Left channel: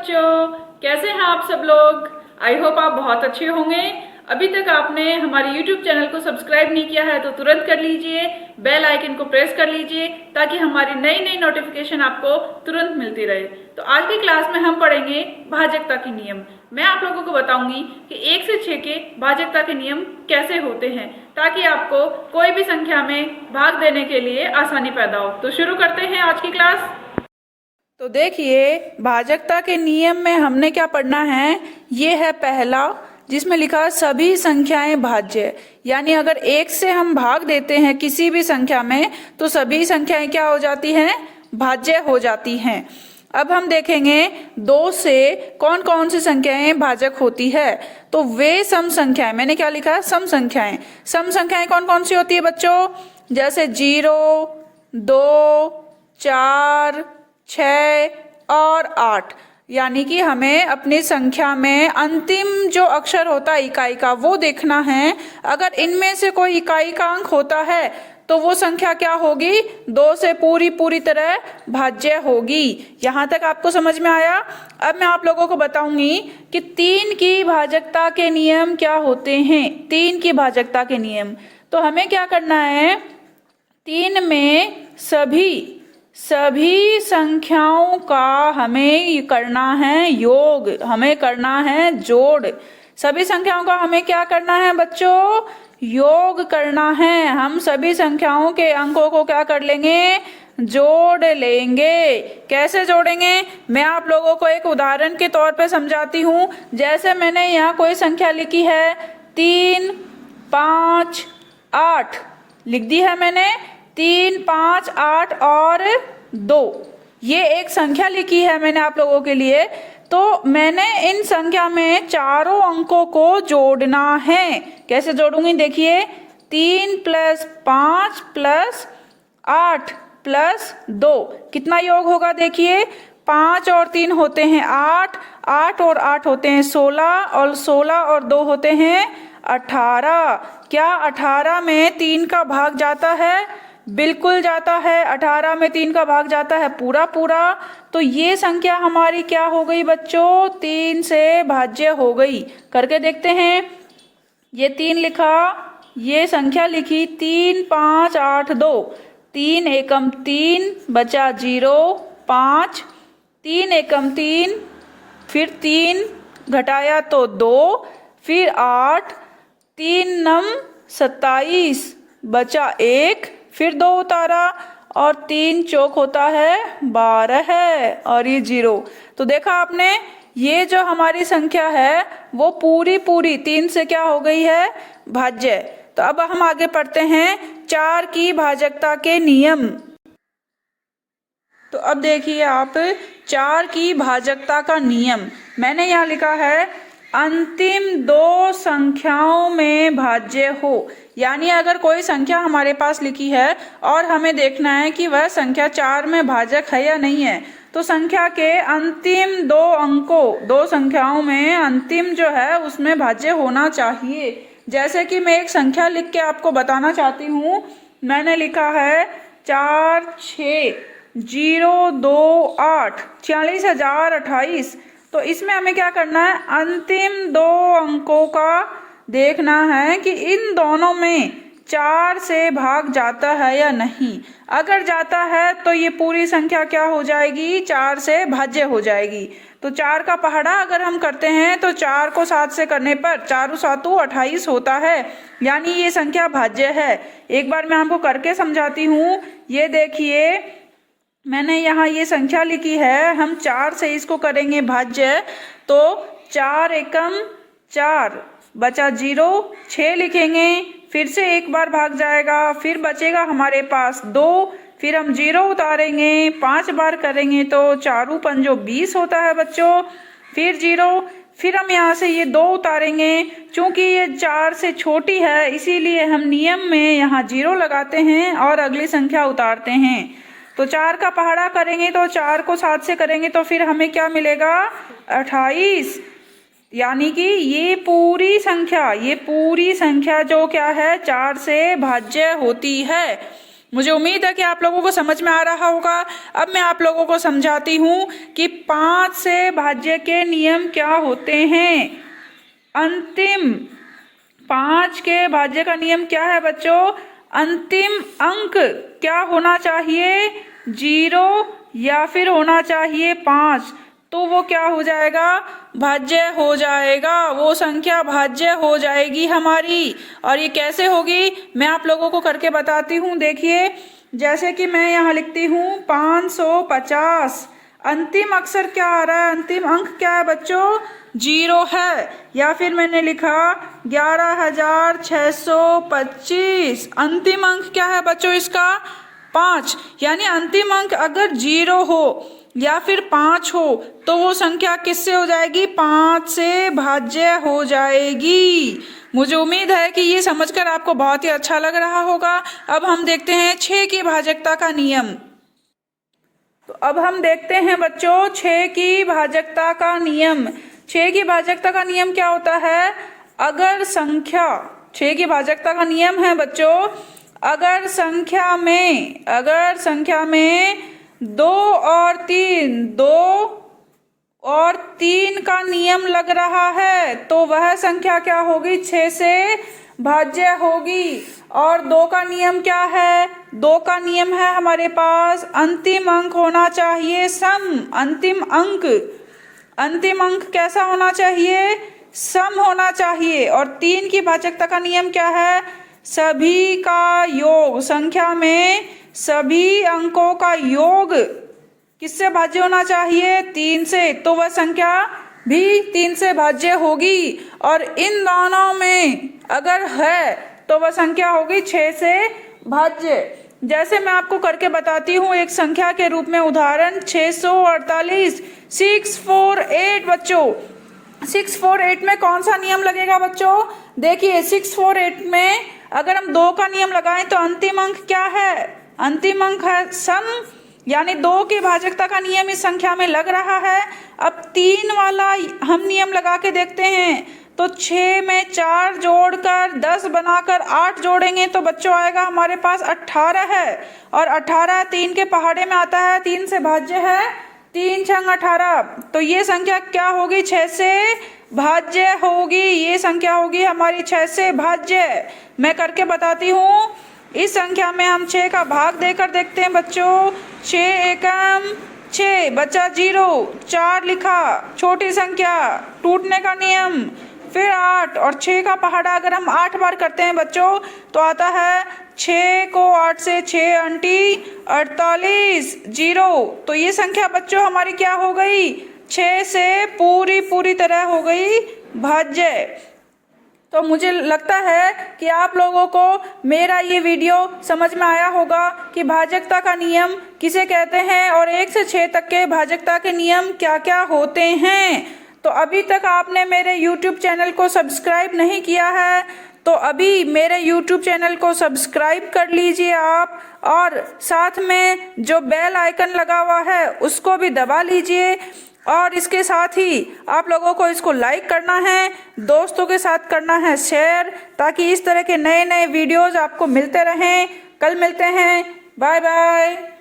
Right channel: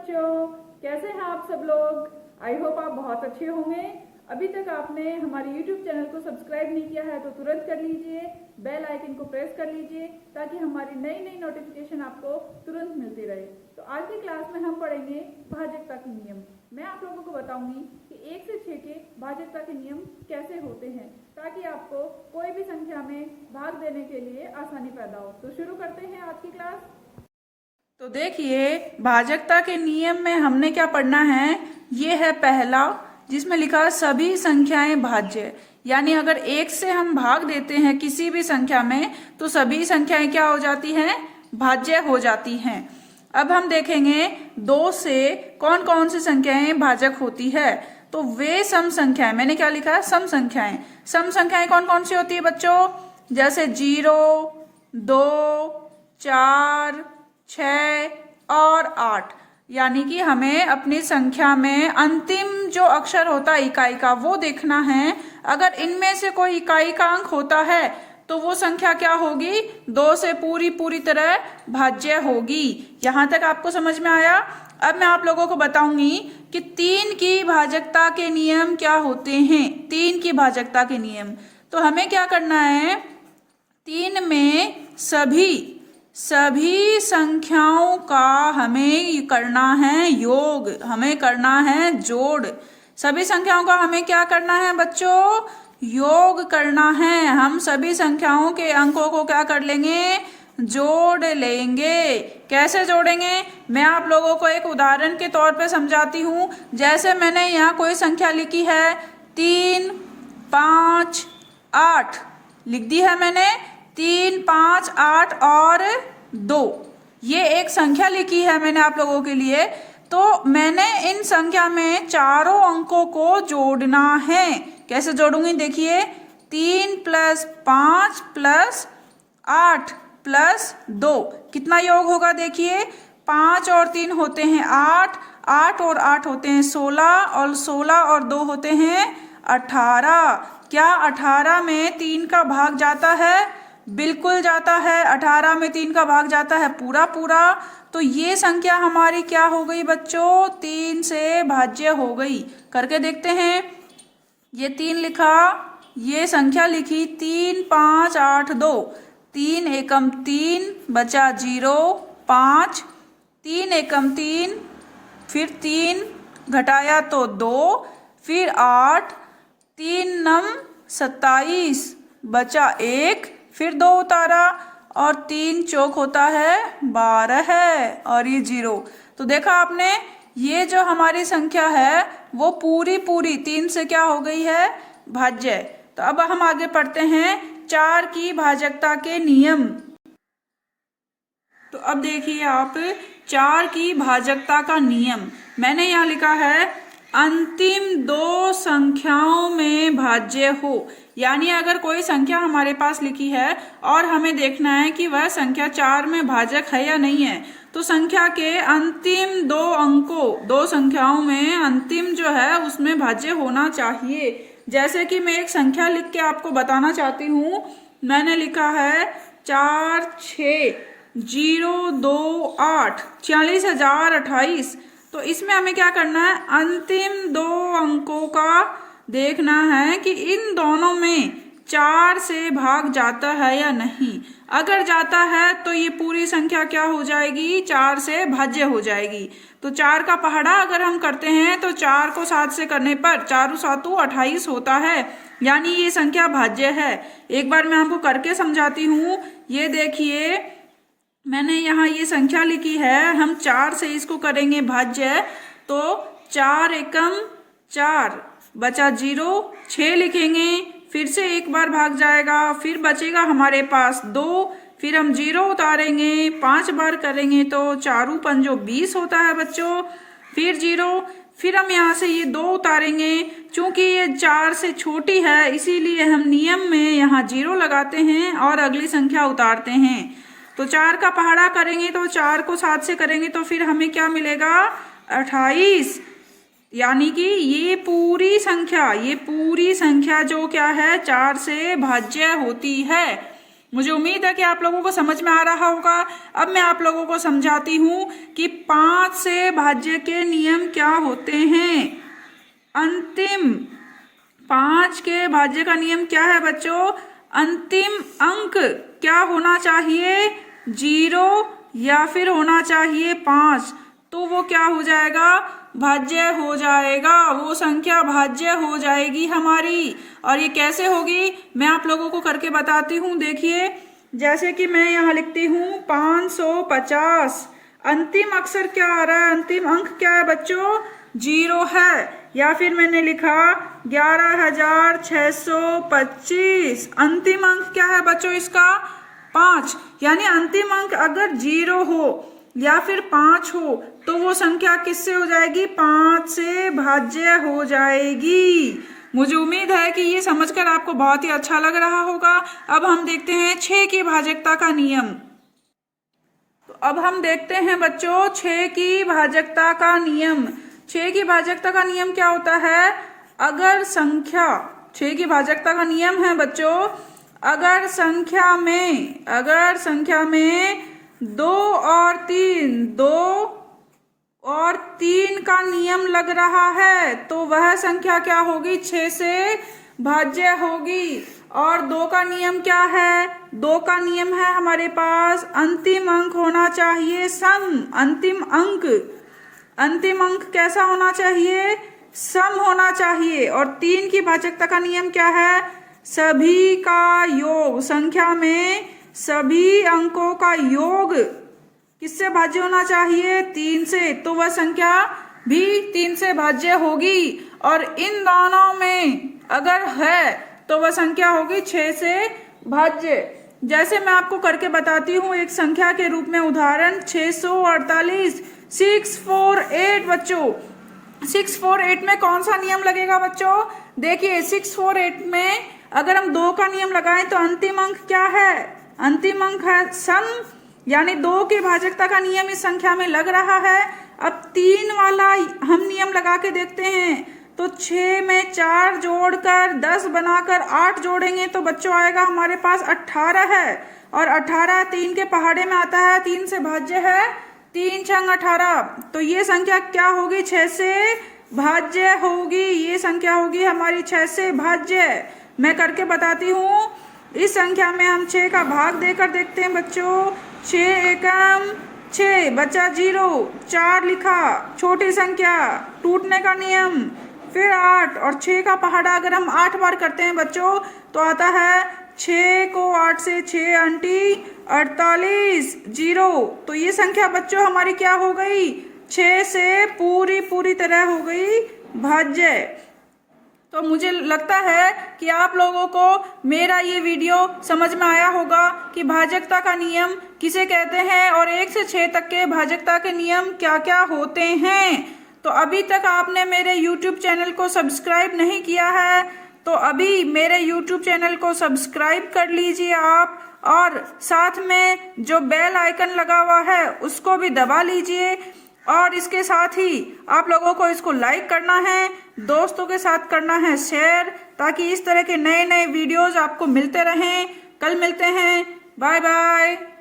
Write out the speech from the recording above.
बच्चों, कैसे हैं आप सब लोग। आई होप आप बहुत अच्छे होंगे। अभी तक आपने हमारे YouTube चैनल को सब्सक्राइब नहीं किया है तो तुरंत कर लीजिए, बेल आइकन को प्रेस कर लीजिए ताकि हमारी नई नई नोटिफिकेशन आपको तुरंत मिलती रहे। तो आज की क्लास में हम पढ़ेंगे भाजकता के नियम। मैं आप लोगों को बताऊंगी कि 1 से 6 के भाजकता के नियम कैसे होते हैं ताकि आपको कोई भी संख्या में भाग देने के लिए आसानी पैदा हो। तो शुरू करते हैं आज की क्लास। तो देखिए, भाजकता के नियम में हमने क्या पढ़ना है। ये है पहला, जिसमें लिखा है सभी संख्याएं भाज्य। यानी अगर 1 से हम भाग देते हैं किसी भी संख्या में तो सभी संख्याएं क्या हो जाती हैं, भाज्य हो जाती हैं। अब हम देखेंगे 2 से कौन कौन सी संख्याएं भाजक होती है। तो वे सम संख्याएं, मैंने क्या लिखा है, सम संख्याएं। सम संख्याएं कौन कौन सी होती है बच्चों, जैसे 0, 2, 4, 6 और 8। यानी कि हमें अपनी संख्या में अंतिम जो अक्षर होता है इकाई का वो देखना है। अगर इनमें से कोई इकाई का अंक होता है तो वो संख्या क्या होगी, 2 से पूरी तरह भाज्य होगी। यहां तक आपको समझ में आया। अब मैं आप लोगों को बताऊंगी कि 3 की भाजकता के नियम क्या होते हैं। 3 की भाजकता के नियम, तो हमें क्या करना है, 3 में सभी संख्याओं का हमें करना है योग, हमें करना है जोड़। सभी संख्याओं का हमें क्या करना है बच्चों, योग करना है। हम सभी संख्याओं के अंकों को क्या कर लेंगे, जोड़ लेंगे। कैसे जोड़ेंगे, मैं आप लोगों को एक उदाहरण के तौर पे समझाती हूँ। जैसे मैंने यहाँ कोई संख्या लिखी है 3, 5, 8 लिख दी है मैंने। 3, 5, 8 और 2, ये एक संख्या लिखी है मैंने आप लोगों के लिए। तो मैंने इन संख्या में चारों अंकों को जोड़ना है। कैसे जोड़ूंगी, देखिए, 3 + 5 + 8 + 2 कितना योग होगा, देखिए, 5 और 3 होते हैं 8, 8 और 8 होते हैं 16, और 16 और 2 होते हैं 18। क्या 18 में 3 का भाग जाता है, बिल्कुल जाता है। 18 में 3 का भाग जाता है पूरा। तो ये संख्या हमारी क्या हो गई बच्चों, 3 से भाज्य हो गई। करके देखते हैं। ये 3 लिखा, ये संख्या लिखी 3, 5, 8, 2। 3 एकम 3 बचा 0, 5, 3 एकम 3, फिर 3 घटाया तो 2, फिर 8, 3 नम 27 बचा 1, फिर 2 उतारा, और 3 चौक होता है 12 है, और ये 0। तो देखा आपने, ये जो हमारी संख्या है वो पूरी 3 से क्या हो गई है, भाज्य। तो अब हम आगे पढ़ते हैं 4 की भाजकता के नियम। तो अब देखिए आप, 4 की भाजकता का नियम मैंने यहाँ लिखा है, अंतिम 2 संख्याओं में भाज्य हो। यानी अगर कोई संख्या हमारे पास लिखी है और हमें देखना है कि वह संख्या 4 में भाजक है या नहीं है, तो संख्या के अंतिम 2 अंकों, 2 संख्याओं में अंतिम जो है उसमें भाज्य होना चाहिए। जैसे कि मैं एक संख्या लिख के आपको बताना चाहती हूँ। मैंने लिखा है 4, 6, 0, 2, 8, 46,028। तो इसमें हमें क्या करना है, अंतिम 2 अंकों का देखना है कि इन दोनों में 4 से भाग जाता है या नहीं। अगर जाता है तो ये पूरी संख्या क्या हो जाएगी, 4 से भाज्य हो जाएगी। तो 4 का पहाड़ा अगर हम करते हैं तो 4 को 7 से करने पर 4 7 28 होता है, यानी ये संख्या भाज्य है। एक बार मैं आपको करके समझाती हूँ। ये देखिए, मैंने यहाँ ये संख्या लिखी है, हम 4 से इसको करेंगे भाज्य। तो 4 एकम 4 बचा 0, 6 लिखेंगे, फिर से एक बार भाग जाएगा, फिर बचेगा हमारे पास 2, फिर हम 0 उतारेंगे, 5 बार करेंगे तो 4 पंजो 20 होता है बच्चों, फिर 0, फिर हम यहाँ से ये 2 उतारेंगे। चूंकि ये 4 से छोटी है इसीलिए हम नियम में यहाँ 0 लगाते हैं और अगली संख्या उतारते हैं। तो 4 का पहाड़ा करेंगे तो 4 को 7 से करेंगे तो फिर हमें क्या मिलेगा, 28। यानी कि ये पूरी संख्या जो क्या है 4 से भाज्य होती है। मुझे उम्मीद है कि आप लोगों को समझ में आ रहा होगा। अब मैं आप लोगों को समझाती हूँ कि 5 से भाज्य के नियम क्या होते हैं। अंतिम 5 के भाज्य का नियम क्या है बच्चों? अंतिम अंक क्या होना चाहिए? 0 या फिर होना चाहिए 5। तो वो क्या हो जाएगा? भाज्य हो जाएगा, वो संख्या भाज्य हो जाएगी हमारी। और ये कैसे होगी मैं आप लोगों को करके बताती हूँ। देखिए, जैसे कि मैं यहाँ लिखती हूँ 550। अंतिम अक्षर क्या आ रहा है? अंतिम अंक क्या है बच्चों? 0 है। या फिर मैंने लिखा 11,625। अंतिम अंक क्या है बच्चों इसका? 5। यानी अंतिम अंक अगर 0 हो या फिर 5 हो तो वो संख्या किससे हो जाएगी? 5 से भाज्य हो जाएगी। मुझे उम्मीद है कि ये समझकर आपको बहुत ही अच्छा लग रहा होगा। अब हम देखते हैं 6 की भाजकता का नियम। तो अब हम देखते हैं बच्चों 6 की भाजकता का नियम। 6 की भाजकता का नियम क्या होता है? अगर संख्या 6 की भाजकता का नियम है बच्चों, अगर संख्या में 2 और 3 का नियम लग रहा है तो वह संख्या क्या होगी? 6 से भाज्य होगी। और 2 का नियम क्या है? 2 का नियम है हमारे पास अंतिम अंक होना चाहिए सम। अंतिम अंक कैसा होना चाहिए? सम होना चाहिए। और 3 की भाजकता का नियम क्या है? सभी का योग। संख्या में सभी अंकों का योग किससे भाज्य होना चाहिए? 3 से। तो वह संख्या भी 3 से भाज्य होगी। और इन दोनों में अगर है तो वह संख्या होगी 6 से भाज्य। जैसे मैं आपको करके बताती हूँ एक संख्या के रूप में उदाहरण 648। 648 बच्चों, 648 में कौन सा नियम लगेगा बच्चों? देखिए 648 में अगर हम 2 का नियम लगाएं तो अंतिम अंक क्या है? अंतिम अंक है सम। यानी 2 की भाजकता का नियम इस संख्या में लग रहा है। अब 3 वाला हम नियम लगा के देखते हैं तो 6 में 4 जोड़कर 10 बनाकर 8 जोड़ेंगे तो बच्चों आएगा हमारे पास 18 है। और 18 3 के पहाड़े में आता है, 3 से भाज्य है, 3 छंग 18। तो ये संख्या क्या होगी? 6 से भाज्य होगी। ये संख्या होगी हमारी 6 से भाज्य। मैं करके बताती हूँ। इस संख्या में हम 6 का भाग देकर देखते हैं बच्चों। 6 एकम 6 बचा 0, 4 लिखा, छोटी संख्या, टूटने का नियम, फिर 8 और 6 का पहाड़ा अगर हम 8 बार करते हैं बच्चों तो आता है 6 को 8 से 6 अंटी 48 0। तो ये संख्या बच्चों हमारी क्या हो गई? 6 से पूरी तरह हो गई भाज्य। तो मुझे लगता है कि आप लोगों को मेरा ये वीडियो समझ में आया होगा कि भाजकता का नियम किसे कहते हैं और 1 से 6 तक के भाजकता के नियम क्या क्या होते हैं। तो अभी तक आपने मेरे YouTube चैनल को सब्सक्राइब नहीं किया है तो अभी मेरे YouTube चैनल को सब्सक्राइब कर लीजिए आप, और साथ में जो बेल आइकन लगा हुआ है उसको भी दबा लीजिए। और इसके साथ ही आप लोगों को इसको लाइक करना है, दोस्तों के साथ करना है शेयर, ताकि इस तरह के नए नए वीडियोस आपको मिलते रहें। कल मिलते हैं, बाय बाय।